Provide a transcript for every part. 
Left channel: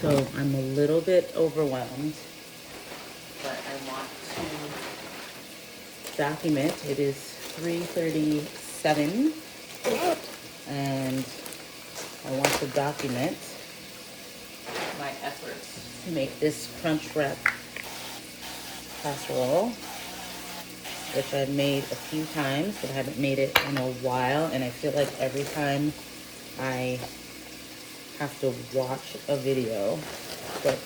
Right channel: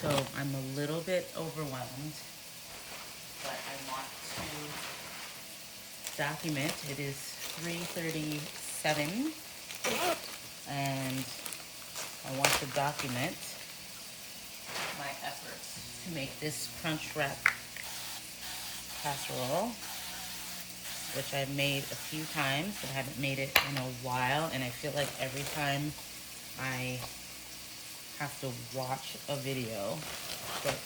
So I'm a little bit overwhelmed, but I want to document. It is 3:37, and I want to document my efforts to make this Crunchwrap casserole, which I've made a few times, but I haven't made it in a while, and I feel like every time I have to watch a video. But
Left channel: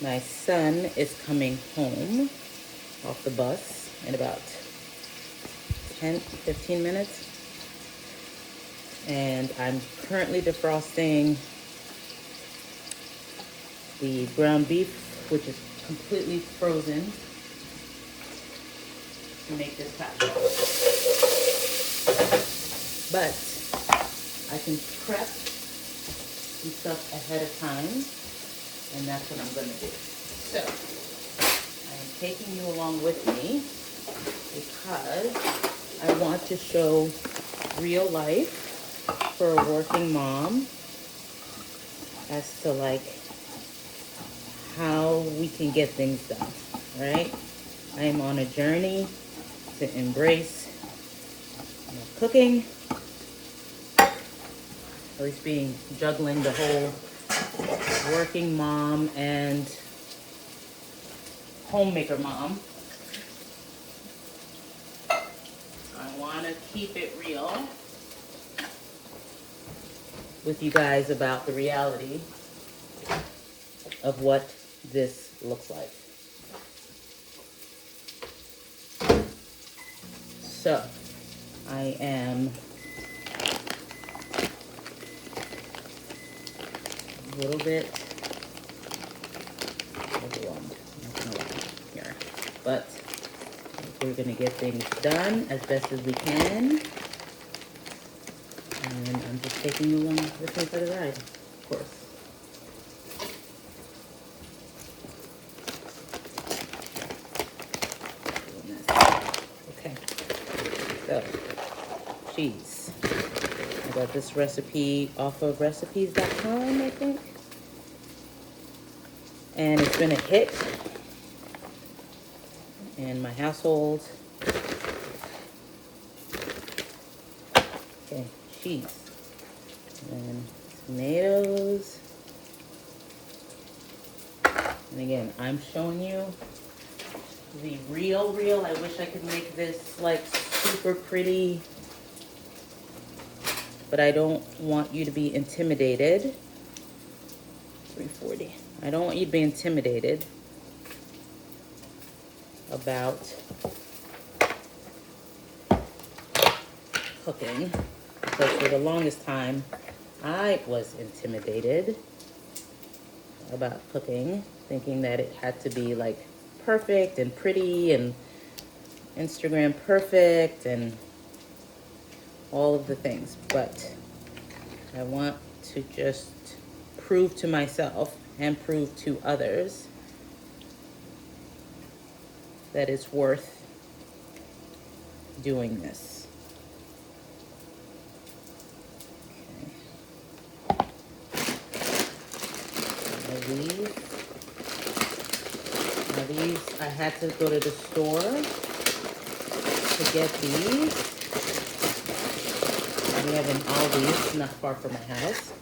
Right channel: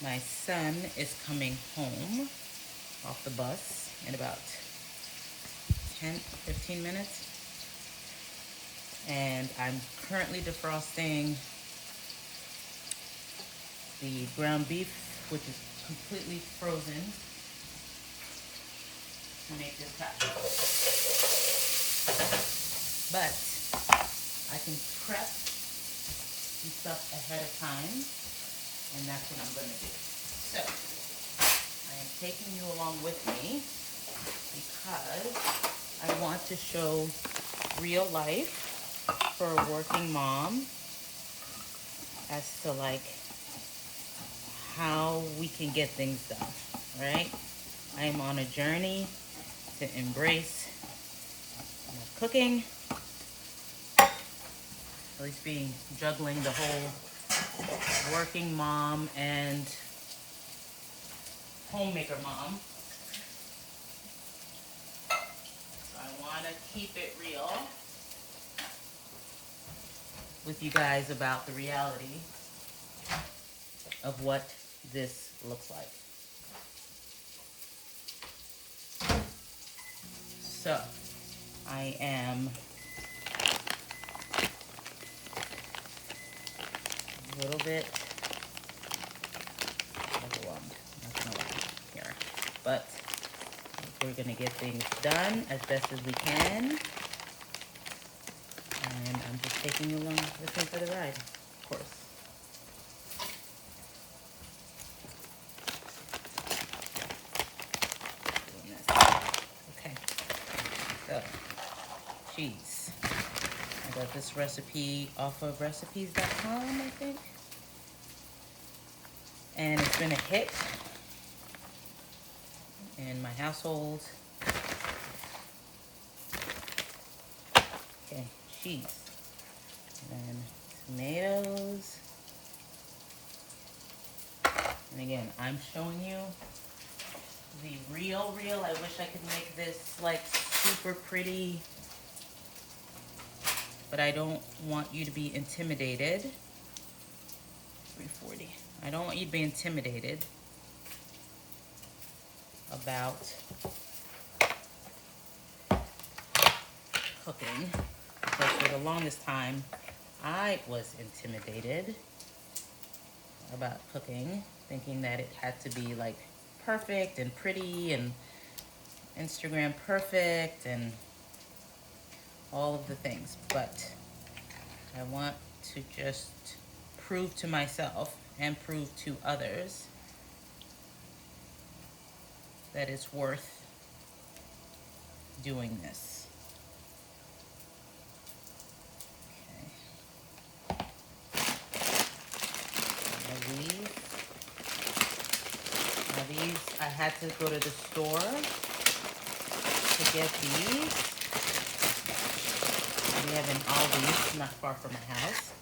my son is coming home off the bus in about 10-15 minutes, and I'm currently defrosting the ground beef, which is completely frozen, to make this casserole. But I can prep some stuff ahead of time, and that's what I'm going to do. So I am taking you along with me because I want to show real life for a working mom as to like how we can get things done, right? I am on a journey to embrace cooking, at least juggling the whole working mom and homemaker mom. I want to keep it real with you guys about the reality of what this looks like. So I am a little bit overwhelmed, not gonna lie here, but we're gonna get things done as best as we can, and I'm just taking you along with me for the ride, of course. Okay, so cheese. I got this recipe off of recipes.com, I think. And it's been a hit in my household. Okay, cheese. And tomatoes. And again, I'm showing you the real. I wish I could make this like super pretty, but I don't want you to be intimidated. 340. I don't want you to be intimidated about cooking, because for the longest time I was intimidated about cooking, thinking that it had to be like perfect and pretty and Instagram perfect and all of the things. But I want to just prove to myself and prove to others that it's worth doing this. Okay. Now these, I had to go to the store to get these. We have an Aldi's not far from my house.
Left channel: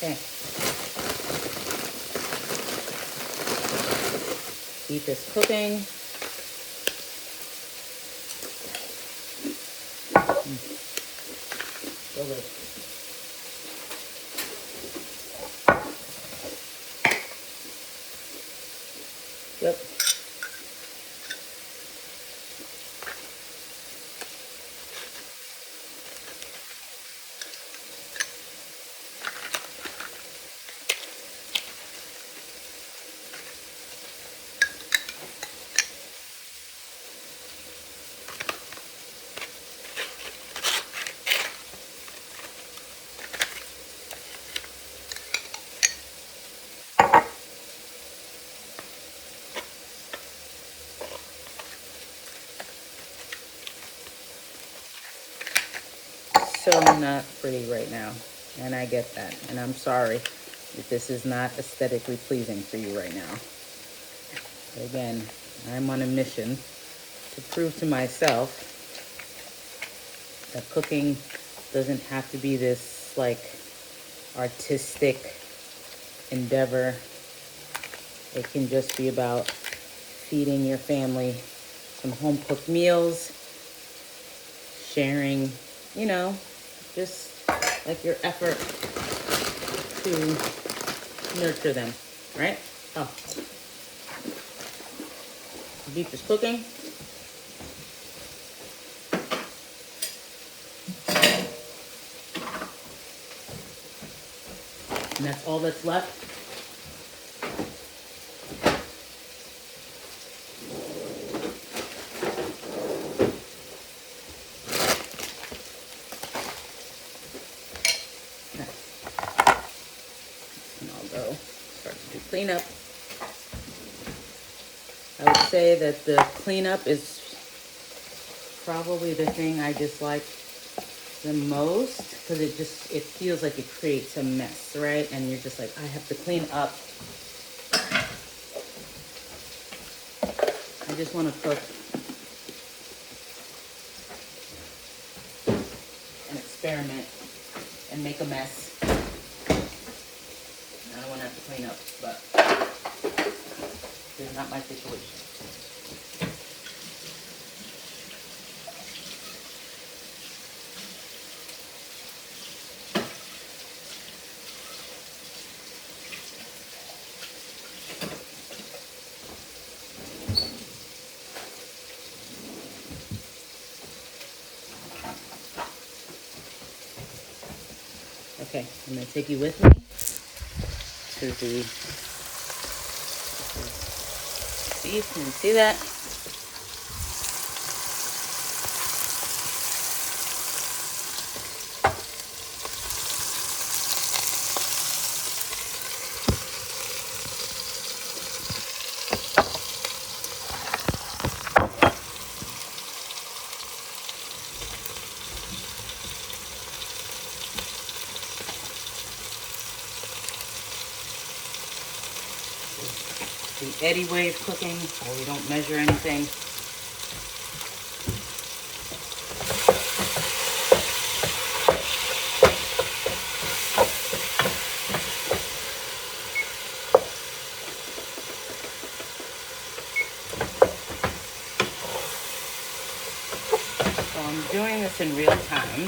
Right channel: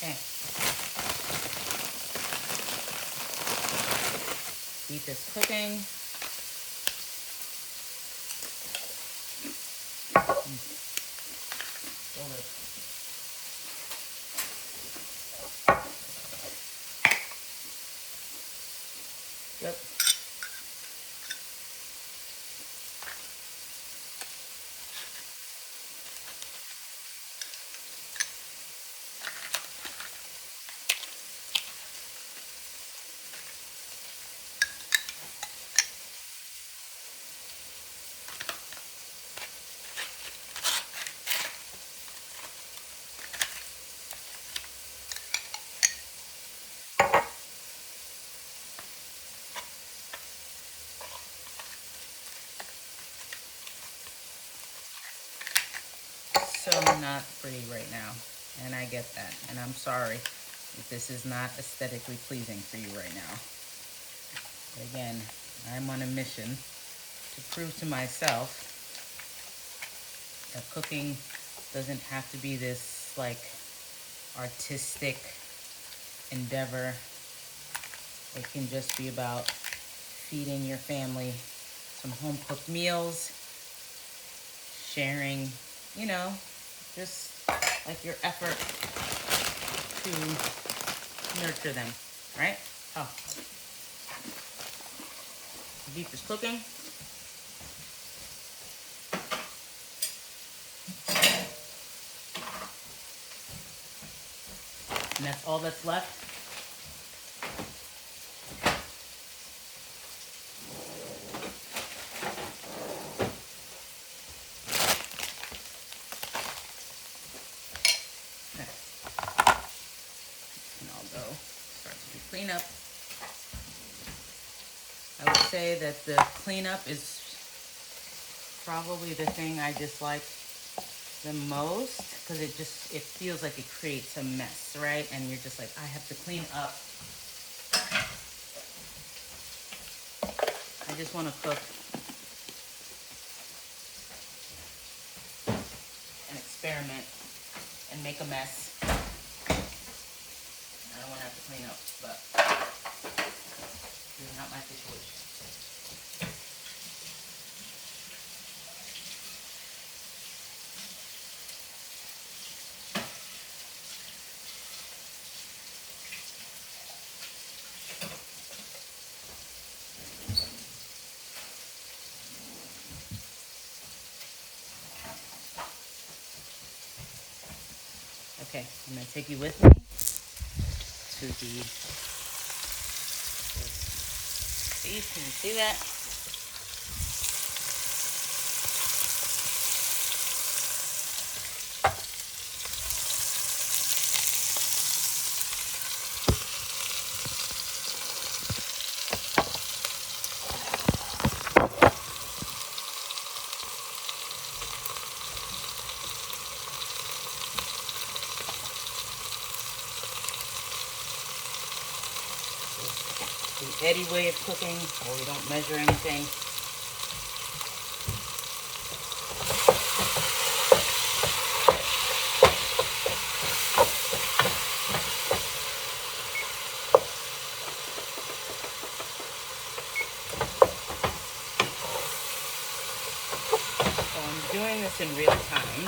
Okay. Beef is cooking. So good. Yep. So not pretty right now, and I get that, and I'm sorry if this is not aesthetically pleasing for you right now. But again, I'm on a mission to prove to myself that cooking doesn't have to be this like artistic endeavor. It can just be about feeding your family some home cooked meals, sharing, you know, just like your effort to nurture them, right? Oh, beef is cooking. And that's all that's left. And I'll go start to do cleanup. I would say that the cleanup is probably the thing I dislike the most, because it feels like it creates a mess, right? And you're just like, I have to clean up. I just want to cook and experiment and make a mess. I don't want to have to clean up, but it's not my situation. Okay, I'm going to take you with me to the beef. Can you see that? The Eddie way of cooking, where we don't measure anything. So I'm doing this in real time,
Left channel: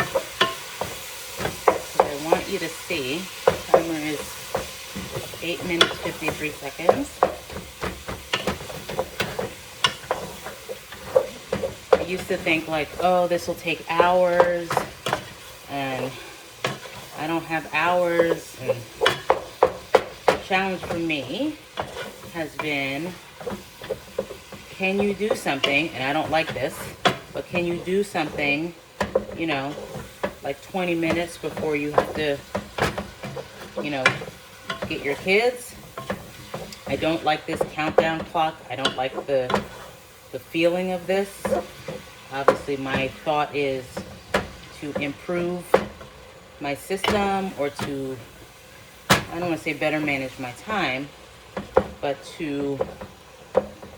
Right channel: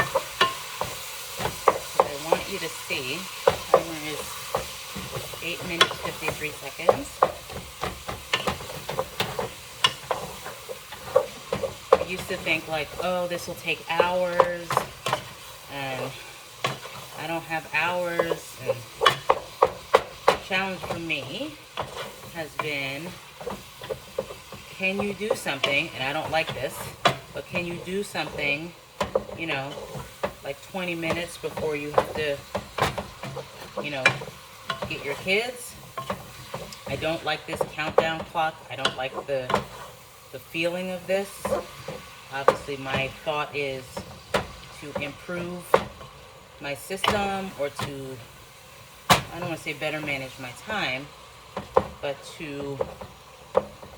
because I want you to see. The timer is 8 minutes, 53 seconds. I used to think like, oh, this will take hours, and I don't have hours. And the challenge for me has been, can you do something, and I don't like this, but can you do something, you know, like 20 minutes before you have to, you know, get your kids? I don't like this countdown clock. I don't like the feeling of this. Obviously, my thought is to improve my system, or to, I don't want to say better manage my time, but to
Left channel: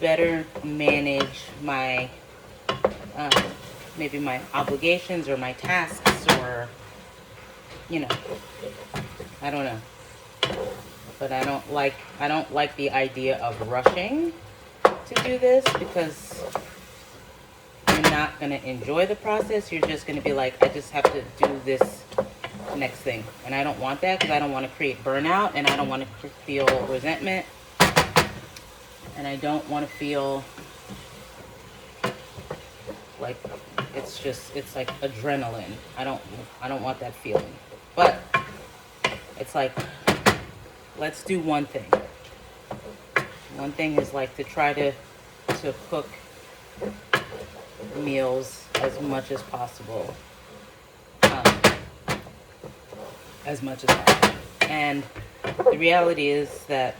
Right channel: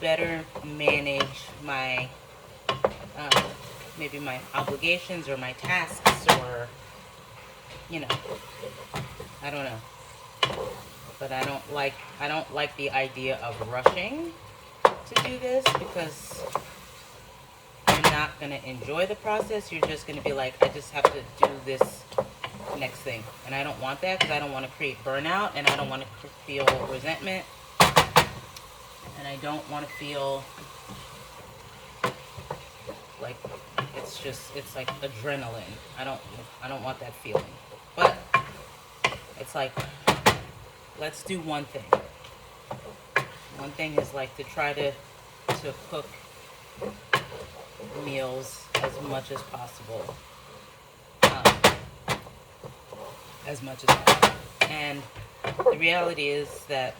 better manage my, maybe my obligations or my tasks, or, you know, I don't know. But I don't like the idea of rushing to do this, because I'm in not going to enjoy the process. You're just going to be like, I just have to do this next thing. And I don't want that, because I don't want to create burnout, and I don't want to feel resentment, and I don't want to feel like it's like adrenaline. I don't want that feeling. But it's like, let's do one thing. One thing is like to try to cook meals as much as possible. And the reality is that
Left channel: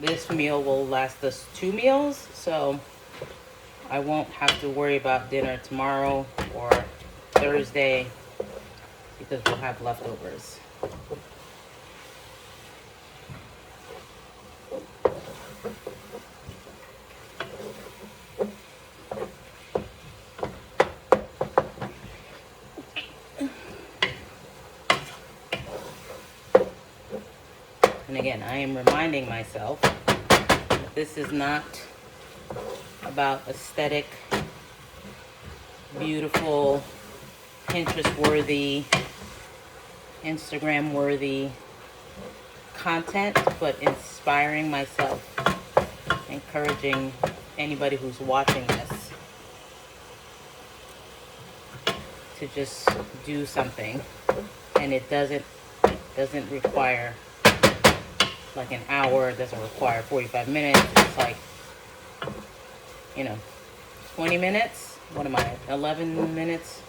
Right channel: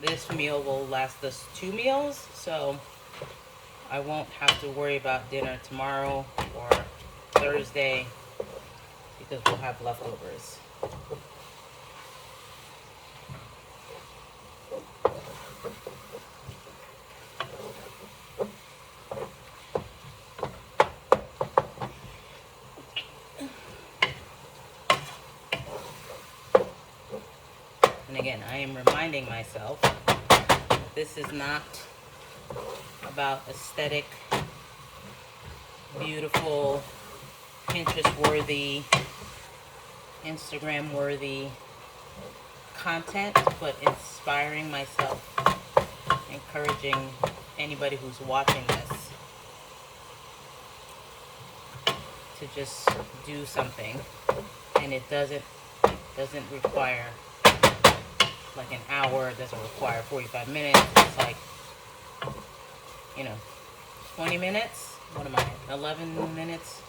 this meal will last us 2 meals, so I won't have to worry about dinner tomorrow or Thursday, because we'll have leftovers. And again, I am reminding myself that this is not about aesthetic, beautiful, Pinterest-worthy, Instagram-worthy content, but inspiring myself, encouraging anybody who's watching this to just do something. And it doesn't require like an hour, it doesn't require 45 minutes. It's like, 20 minutes. What am I, 11 minutes?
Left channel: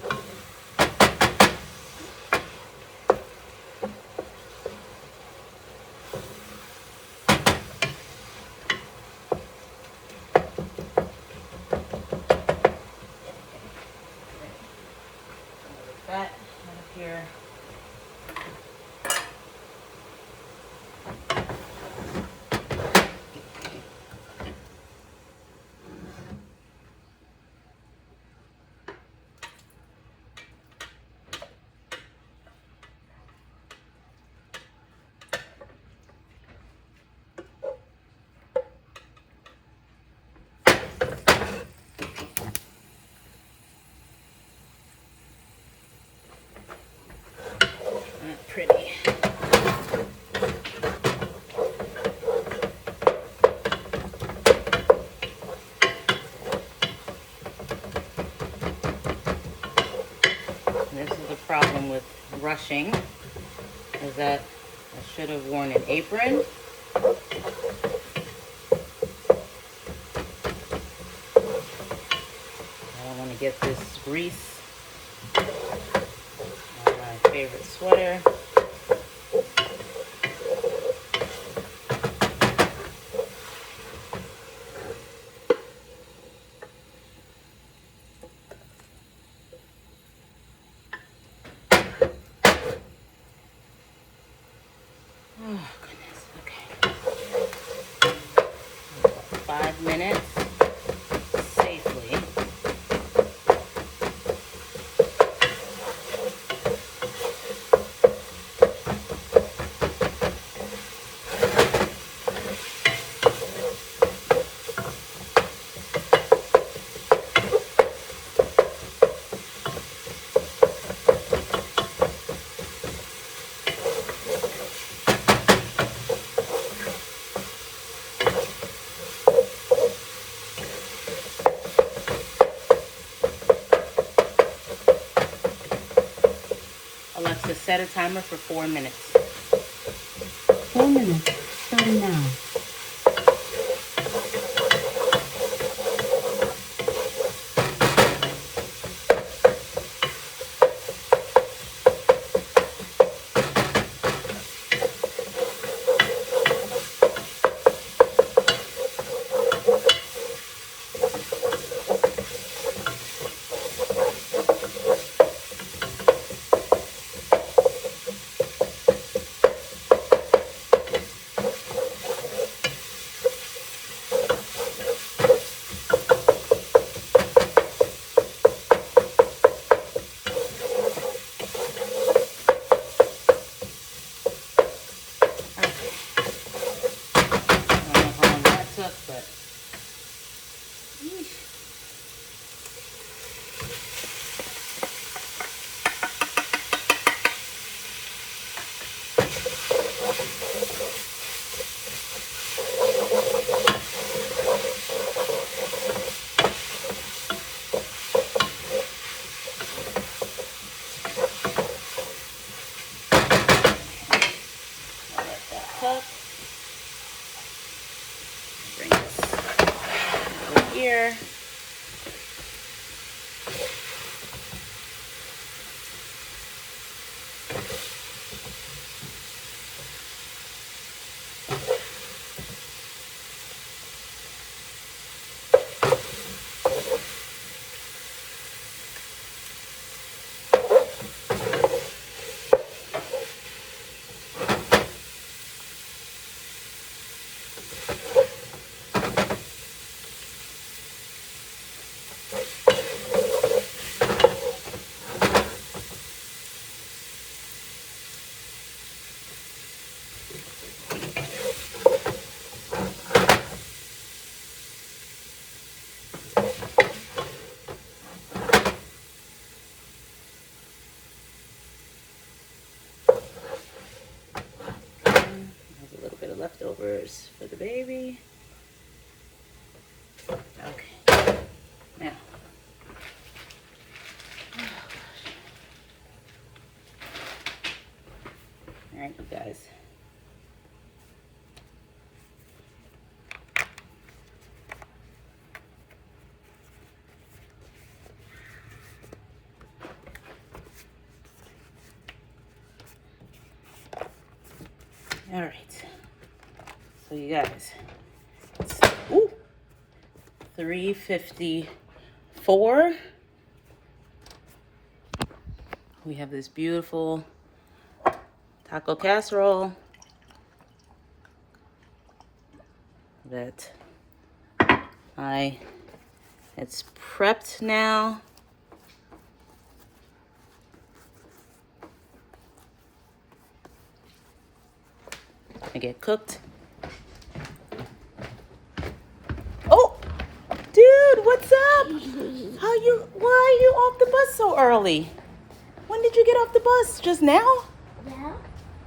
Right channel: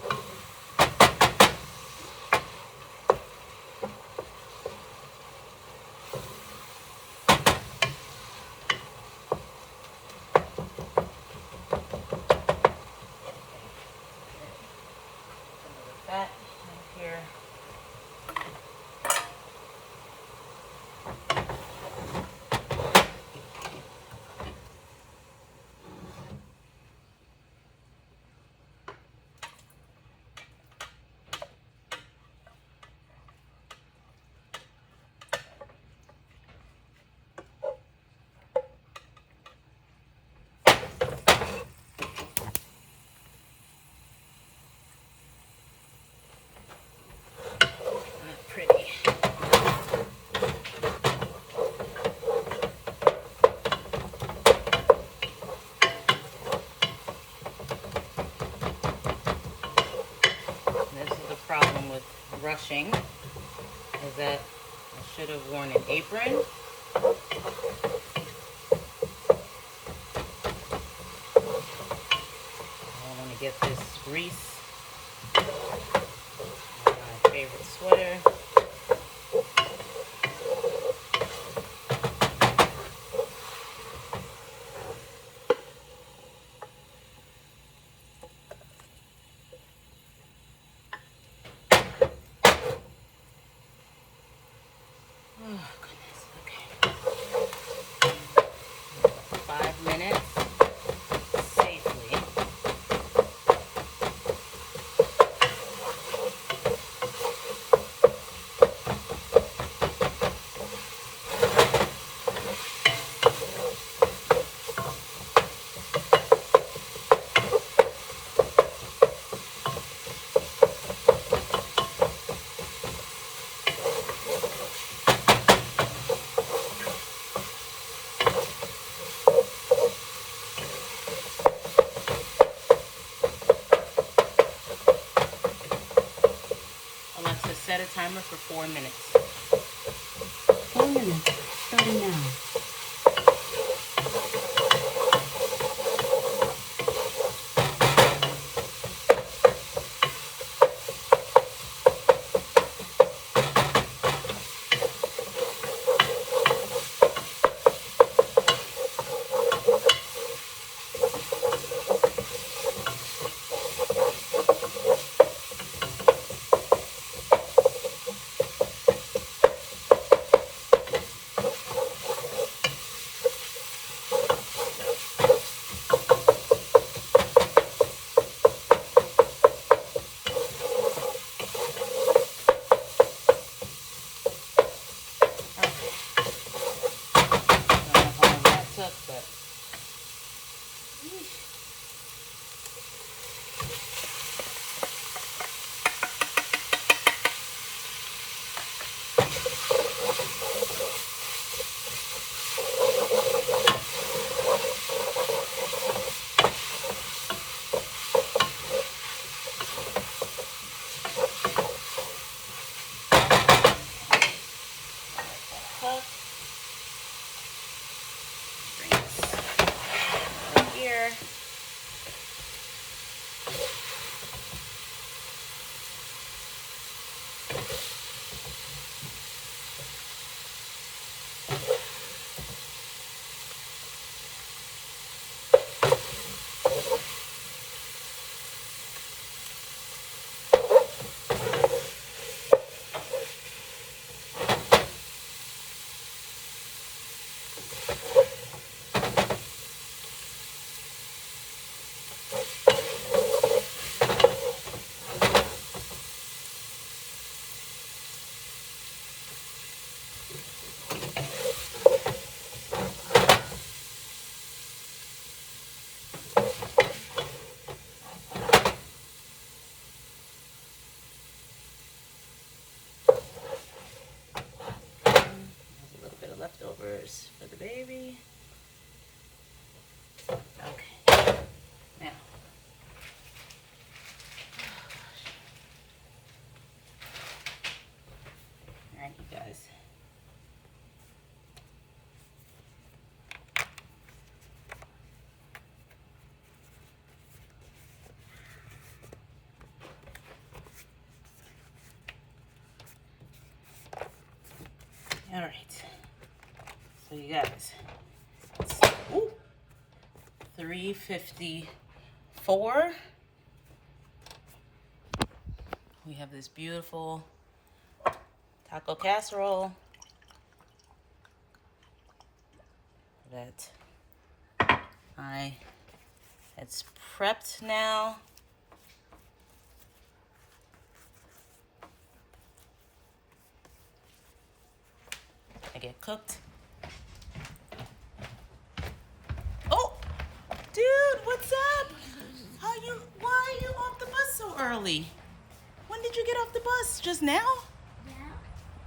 That here. Pretty. This is the problem with rushing, is that I should have worn an apron. I want to get this grease on my favorite sweater. Oh, goodness. Okay. 5 minutes safely. Alexa, set a timer for 4 minutes. 4 minutes, starting now. A little bit of leftovers for the baby. Okay. Now. All right, you guys. All right. So you guys, it's, 3:54. We have this beautiful taco casserole that it's prepped now. I get cooked. Oh, dude, what's up? Why are you off the bus so early? When did you get off the bus? Just now?